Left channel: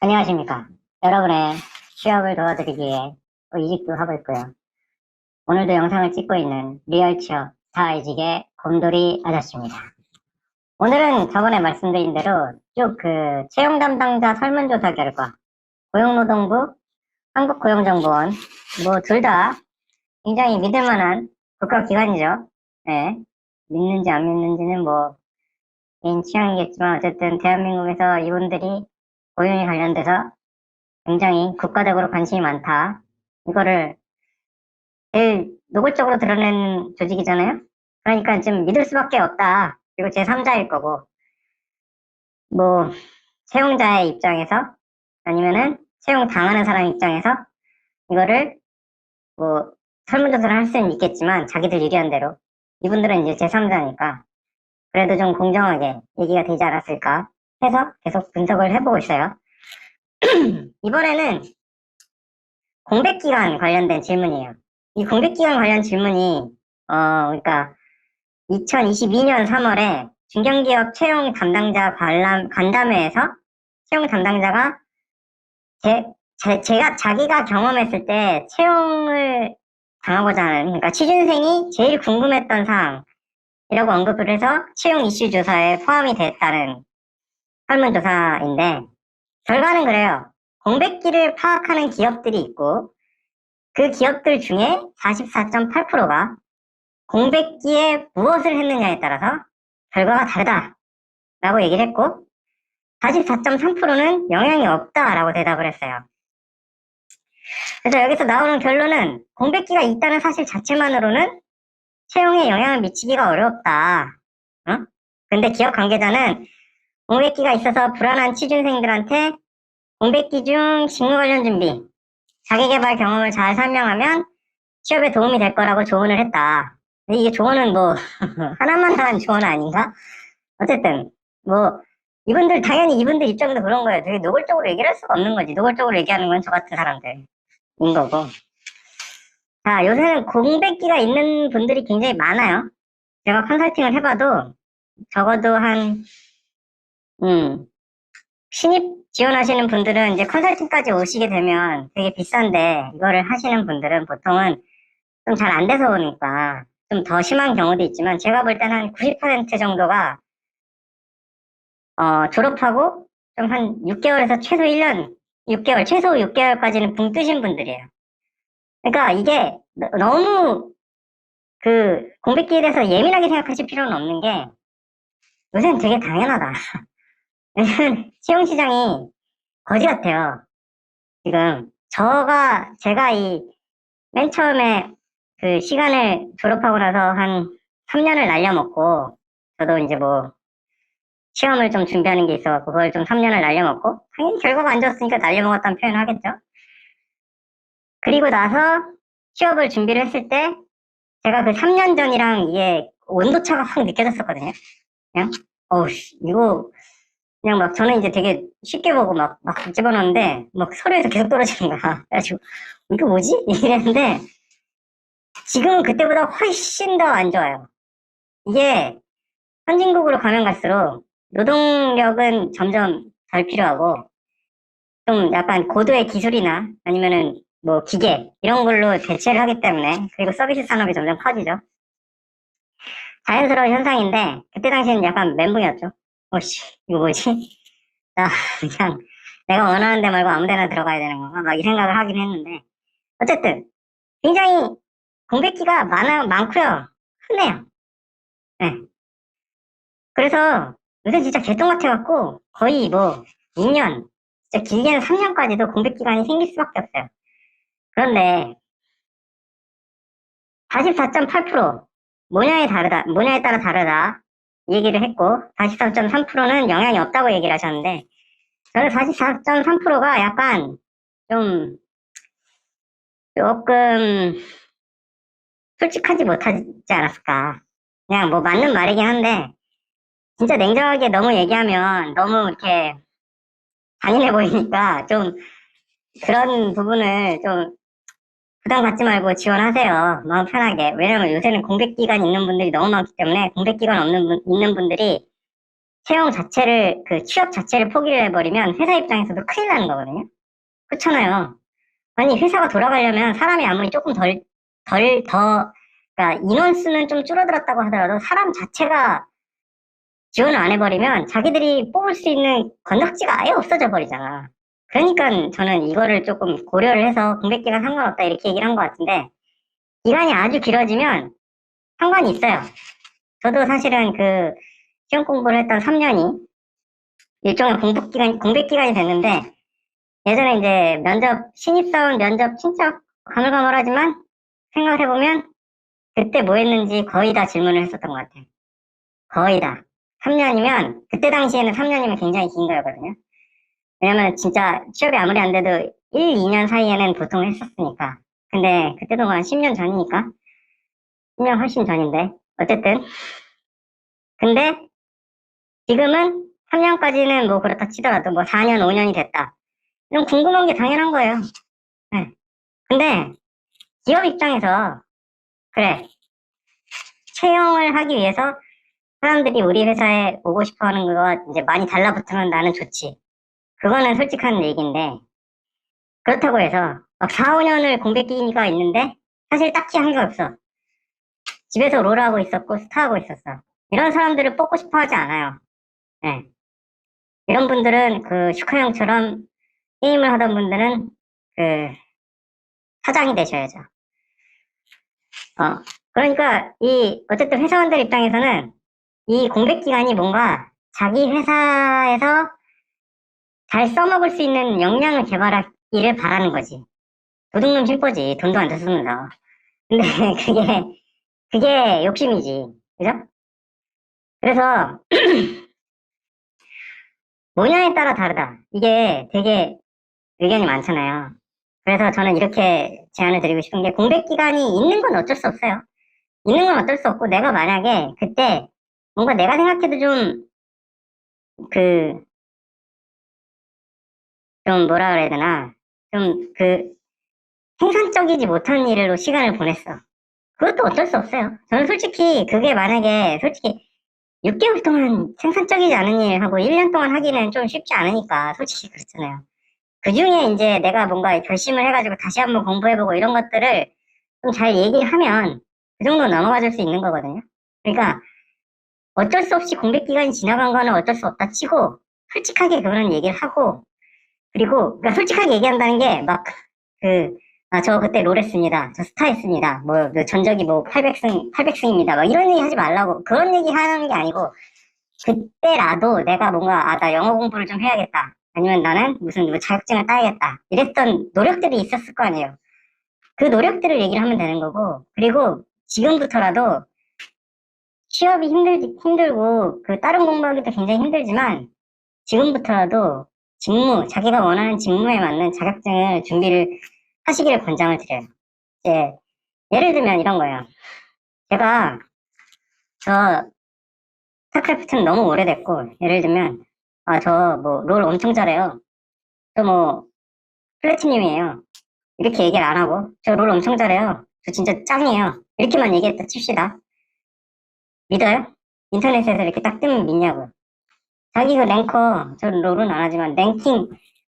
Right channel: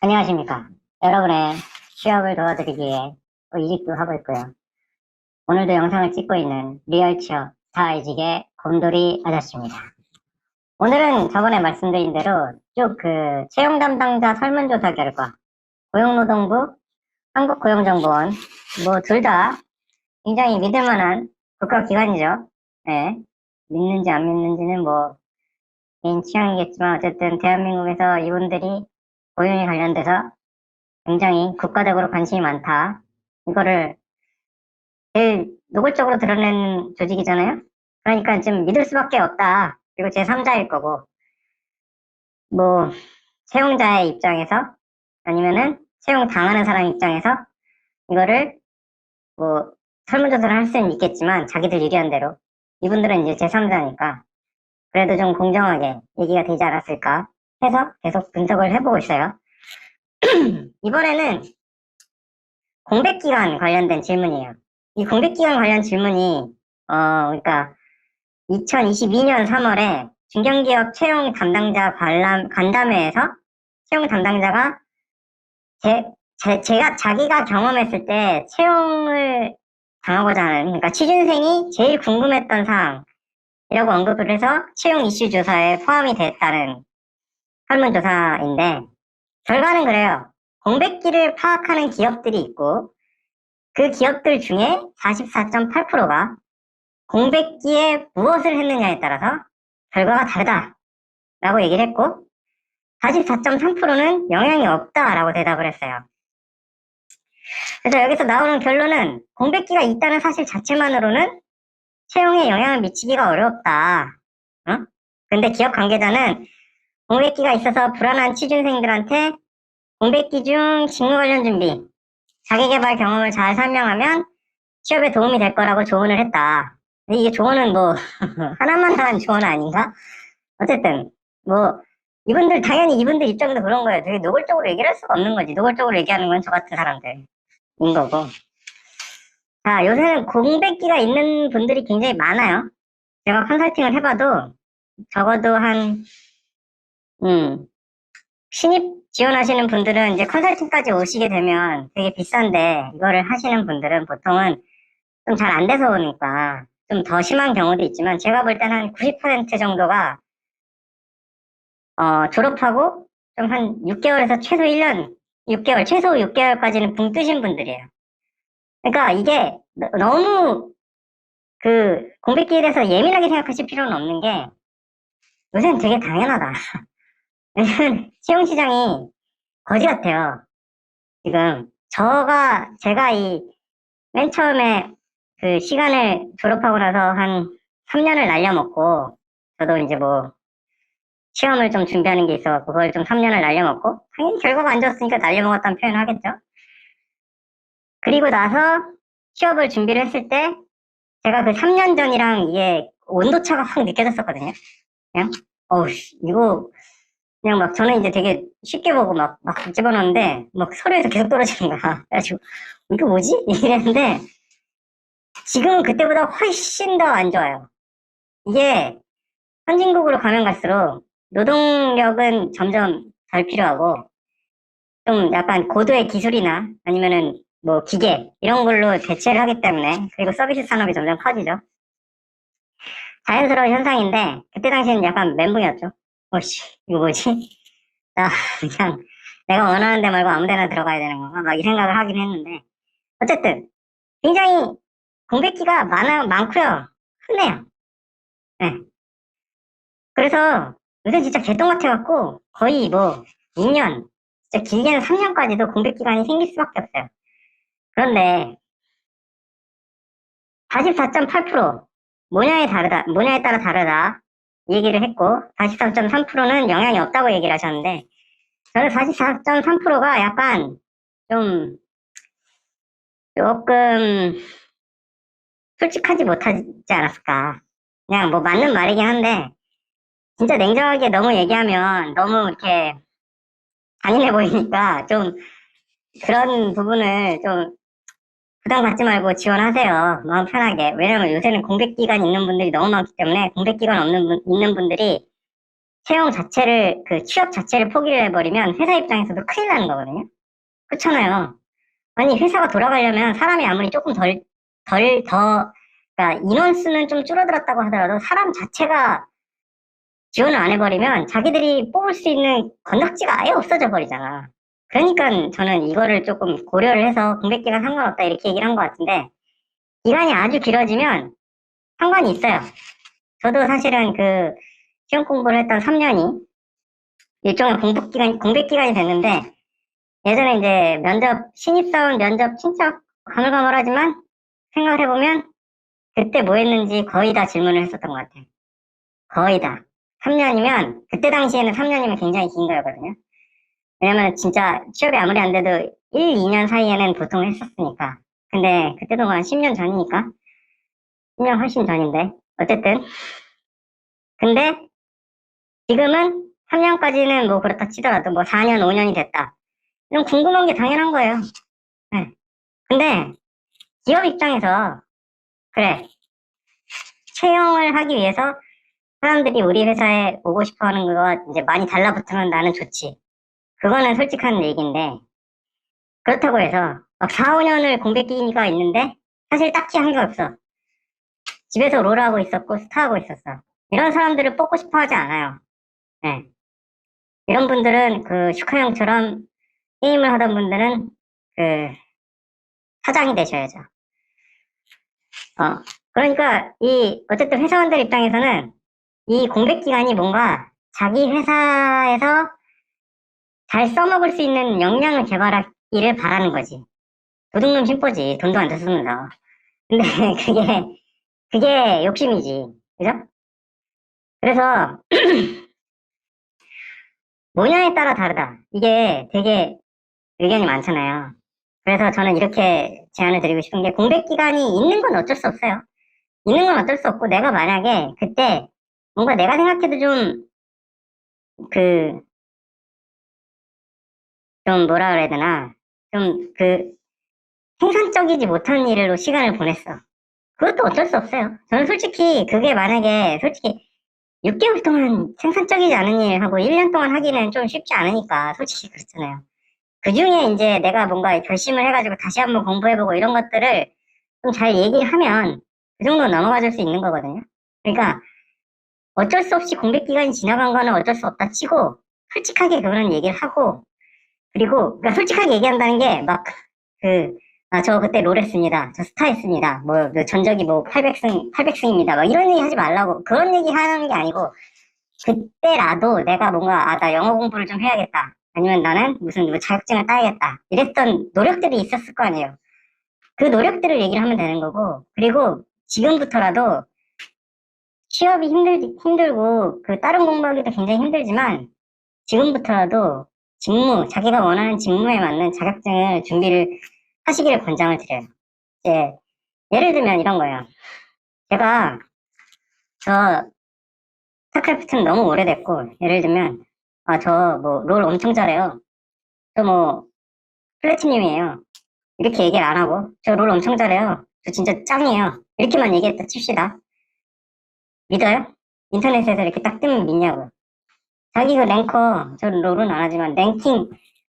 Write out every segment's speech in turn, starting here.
안녕하십니까. 여러분의 취업을 도와드리기 위해 이직도 하고 있고요. 오늘도 영상을 찍고 있는 리얼 취업 사회직의 곰돌이 아저씨입니다. 오늘은 저번에 말씀드린 대로 쭉 채용 담당자 설문조사 결과, 고용노동부, 한국고용정보원, 뭐 둘 다 굉장히 믿을만한 국가기관이죠. 네. 믿는지 안 믿는지는 뭐 개인 취향이겠지만 어쨌든 대한민국에서 이분들이 고용에 관련돼서 굉장히 국가적으로 관심이 많다. 이거를 제일 노골적으로 드러낸 조직이잖아요. 그러니까 좀 믿을 수밖에 없다. 그리고 제3자일 거고, 뭐 채용자의 입장에서 아니면은 채용 당하는 사람 입장에서 이거를 뭐 설문조사를 할 수는 있겠지만 자기들 유리한 대로 이분들은 이제 제3자니까 그래도 좀 공정하게 얘기가 되지 않았을까 해서 계속 분석을 해보고 있어요. 이번에는 공백기간 관련된 질문이에요. 이 공백기간 관련 질문이, 그러니까 2022년 3월에 중견기업 채용 담당자 간담회에서 채용 담당자가 자기가 경험했을 때 채용을 당하고자 하는, 그러니까 취준생이 제일 궁금했던 사항이라고 언급을 해서 채용 이슈 조사에 포함이 됐다는 설문조사인데, 결과는 그래요. 공백기를 파악하는 기업들이 있고, 그 기업들 중에 44.8%가 공백기에 무엇을 했느냐에 따라서 결과가 다르다라고 얘기를 했고 44.3%는 영향이 없다라고 대답을 했어요. 그래서 여기서 나오는 결론은 공백기가 있다는 사실 자체만으로는 채용에 영향을 미치기가 어렵다. 근데 기업 관계자는 공백기가 있어서 불안한 취준생들한테 공백기 중 직무 관련 준비, 자기계발 경험을 잘 설명하면 취업에 도움이 될 거라고 조언을 했다. 근데 이게 조언은 뭐 하나만 하는 조언 아닌가? 어쨌든 뭐 당연히 이분들 입장에서 그런 거예요. 되게 노골적으로 얘기를 할 수가 없는 거지. 노골적으로 얘기하는 건 저 같은 사람들인 거고. 자, 요새는 공백기가 있는 분들이 굉장히 많아요. 제가 컨설팅을 해봐도 적어도 신입 지원하시는 분들은 이제 컨설팅까지 오시게 되면 되게 비싼데 이거를 하시는 분들은 보통은 좀 잘 안 돼서 오니까 좀 더 심한 경우도 있지만 제가 볼 때는 한 90% 정도가 졸업하고 좀 한 6개월에서 최소 1년, 6개월, 최소 6개월까지는 붕 뜨신 분들이에요. 그러니까 이게 너무 공백기에 대해서 예민하게 생각하실 필요는 없는 게 요새는 되게 당연하다. 요즘 채용시장이 거지 같아요. 지금 제가 맨 처음에 시간을 졸업하고 나서 한 3년을 날려먹고 저도 이제 뭐 시험을 좀 준비하는 게 있어서 그걸 좀 3년을 날려먹고 당연히 결과가 안 좋았으니까 날려먹었다는 표현을 하겠죠. 그리고 나서 취업을 준비를 했을 때 제가 그 3년 전이랑 이게 온도차가 확 느껴졌었거든요. 그냥 이거 그냥 막 저는 이제 되게 쉽게 보고 막 집어넣는데 막 서류에서 계속 떨어지는 거야. 그래가지고 이거 뭐지? 이랬는데 지금은 그때보다 훨씬 더 안 좋아요. 이게 선진국으로 가면 갈수록 노동력은 점점 덜 필요하고 좀 약간 고도의 기술이나 아니면은 뭐 기계 이런 걸로 대체를 하기 때문에 그리고 서비스 산업이 점점 커지죠. 자연스러운 현상인데 그때 당시에는 약간 멘붕이었죠. 이거 뭐지? 나 그냥 내가 원하는 데 말고 아무 데나 들어가야 되는 건가? 막 이 생각을 하긴 했는데 어쨌든 굉장히 공백기가 많고요. 흔해요. 네. 그래서 요새 진짜 개똥 같아갖고 거의 뭐 2년, 진짜 길게는 3년까지도 공백 기간이 생길 수밖에 없어요. 그런데 44.8% 모냐에 따라 다르다 얘기를 했고 44.3%는 영향이 없다고 얘기를 하셨는데 저는 44.3%가 약간 좀 조금 솔직하지 못하지 않았을까. 그냥 뭐 맞는 말이긴 한데 진짜 냉정하게 너무 얘기하면 너무 이렇게 잔인해 보이니까 좀 그런 부분을 좀 부담 갖지 말고 지원하세요. 마음 편하게. 왜냐면 요새는 공백 기간 있는 분들이 너무 많기 때문에 공백 기간 있는 분들이 채용 자체를, 그 취업 자체를 포기를 해버리면 회사 입장에서도 큰일 나는 거거든요. 그렇잖아요. 아니, 회사가 돌아가려면 사람이 아무리 조금 그러니까 인원수는 좀 줄어들었다고 하더라도 사람 자체가 지원을 안 해버리면 자기들이 뽑을 수 있는 건덕지가 아예 없어져 버리잖아. 그러니까 저는 이거를 조금 고려를 해서 공백기간 상관없다 이렇게 얘기를 한 것 같은데, 기간이 아주 길어지면 상관이 있어요. 저도 사실은 그 시험 공부를 했던 3년이 일종의 공백기간이 됐는데, 예전에 이제 신입사원 면접 진짜 가물가물하지만 생각을 해보면 그때 뭐 했는지 거의 다 질문을 했었던 것 같아요. 거의 다. 3년이면, 그때 당시에는 3년이면 굉장히 긴 거였거든요. 왜냐면 진짜 취업이 아무리 안 돼도 1, 2년 사이에는 보통 했었으니까. 근데 그때도 한 10년 전이니까. 10년 훨씬 전인데. 어쨌든. 근데 지금은 3년까지는 뭐 그렇다 치더라도 뭐 4년, 5년이 됐다. 이런 궁금한 게 당연한 거예요. 네. 근데 기업 입장에서 그래, 채용을 하기 위해서 사람들이 우리 회사에 오고 싶어 하는 거가 이제 많이 달라붙으면 나는 좋지. 그거는 솔직한 얘기인데, 그렇다고 해서 막 4, 5년을 공백기가 있는데 사실 딱히 한 게 없어. 집에서 롤하고 있었고 스타하고 있었어. 이런 사람들을 뽑고 싶어 하지 않아요. 네. 이런 분들은 그 슈카 형처럼 게임을 하던 분들은 그 사장이 되셔야죠. 그러니까 어쨌든 회사원들 입장에서는 이 공백 기간이 뭔가 자기 회사에서 잘 써먹을 수 있는 역량을 개발하기를 바라는 거지. 도둑놈 힐보지. 돈도 안 줬으면서. 근데 그게 욕심이지. 그죠? 그래서 뭐냐에 따라 다르다. 이게 되게 의견이 많잖아요. 그래서 저는 이렇게 제안을 드리고 싶은 게, 공백 기간이 있는 건 어쩔 수 없어요. 있는 건 어쩔 수 없고, 내가 만약에 그때 뭔가 내가 생각해도 그, 좀 뭐라 그래야 되나. 생산적이지 못한 일로 시간을 보냈어. 그것도 어쩔 수 없어요. 저는 솔직히 그게 만약에 솔직히 6개월 동안 생산적이지 않은 일 하고 1년 동안 하기는 좀 쉽지 않으니까 솔직히 그렇잖아요. 그 중에 이제 내가 뭔가 결심을 해가지고 다시 한번 공부해보고 이런 것들을 좀 잘 얘기를 하면 그 정도 넘어가 줄 수 있는 거거든요. 그러니까 어쩔 수 없이 공백 기간이 지나간 거는 어쩔 수 없다 치고 솔직하게 그런 얘기를 하고, 그리고 그러니까 솔직하게 얘기한다는 게 막 그, 저 그때 롤 했습니다. 저 스타 했습니다. 뭐, 전적이 뭐 800승입니다. 막 이런 얘기 하지 말라고. 그런 얘기 하는 게 아니고, 그때라도 내가 뭔가, 나 영어 공부를 좀 해야겠다. 아니면 나는 무슨 뭐 자격증을 따야겠다. 이랬던 노력들이 있었을 거 아니에요. 그 노력들을 얘기를 하면 되는 거고, 그리고 지금부터라도 취업이 힘들고, 그 다른 공부하기도 굉장히 힘들지만, 지금부터라도 자기가 원하는 직무에 맞는 자격증을 준비를 하시기를 권장을 드려요. 이제, 예를 들면 이런 거예요. 제가, 스타크래프트는 너무 오래됐고, 예를 들면, 롤 엄청 잘해요. 저 뭐, 플래티님이에요. 이렇게 얘기를 안 하고, 저 롤 엄청 잘해요. 저 진짜 짱이에요. 이렇게만 얘기했다 칩시다. 믿어요? 인터넷에서 이렇게 딱 뜨면 믿냐고. 자기가 랭커, 저는 롤은 안 하지만 랭킹,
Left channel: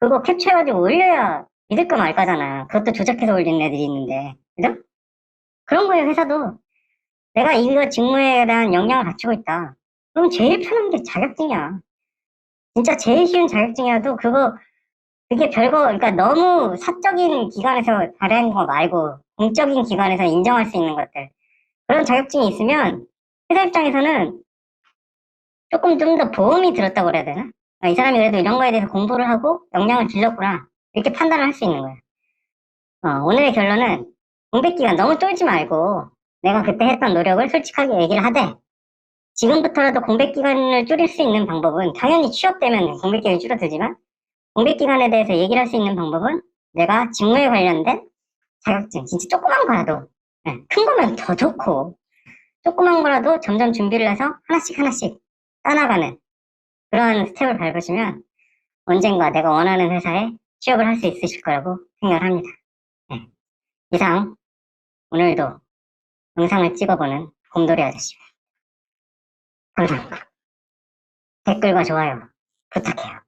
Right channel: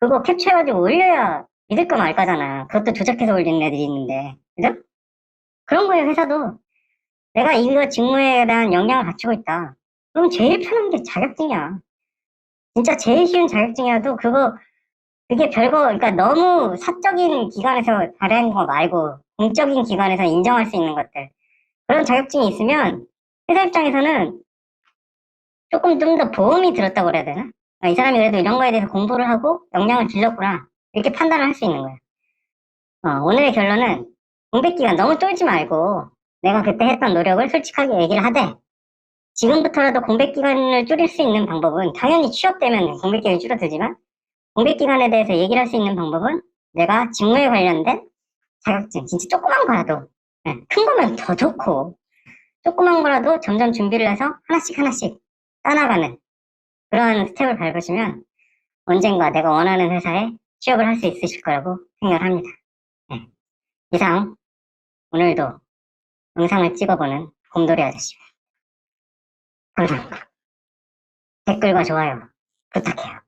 그거 캡처해가지고 올려야 믿을까 말까잖아. 그것도 조작해서 올리는 애들이 있는데. 그죠? 그런 거에 회사도 내가 이거 직무에 대한 역량을 갖추고 있다. 그럼 제일 편한 게 자격증이야. 진짜 제일 쉬운 자격증이라도 그게 별거, 그러니까 너무 사적인 기관에서 발행한 거 말고 공적인 기관에서 인정할 수 있는 것들. 그런 자격증이 있으면 회사 입장에서는 조금 좀 더 보험이 들었다고 그래야 되나? 이 사람이 그래도 이런 거에 대해서 공부를 하고 역량을 길렀구나. 이렇게 판단을 할 수 있는 거예요. 오늘의 결론은 공백 기간 너무 쫄지 말고 내가 그때 했던 노력을 솔직하게 얘기를 하되, 지금부터라도 공백 기간을 줄일 수 있는 방법은 당연히 취업되면 공백 기간이 줄어들지만, 공백 기간에 대해서 얘기를 할 수 있는 방법은 내가 직무에 관련된 자격증, 진짜 조그만 거라도, 네, 큰 거면 더 좋고, 조그만 거라도 점점 준비를 해서 하나씩 하나씩 따나가는 그런 스텝을 밟으시면 언젠가 내가 원하는 회사에 취업을 할 수 있으실 거라고 생각을 합니다. 네. 이상 오늘도 영상을 찍어보는 곰돌이 아저씨입니다. 감사합니다. 댓글과 좋아요 부탁해요.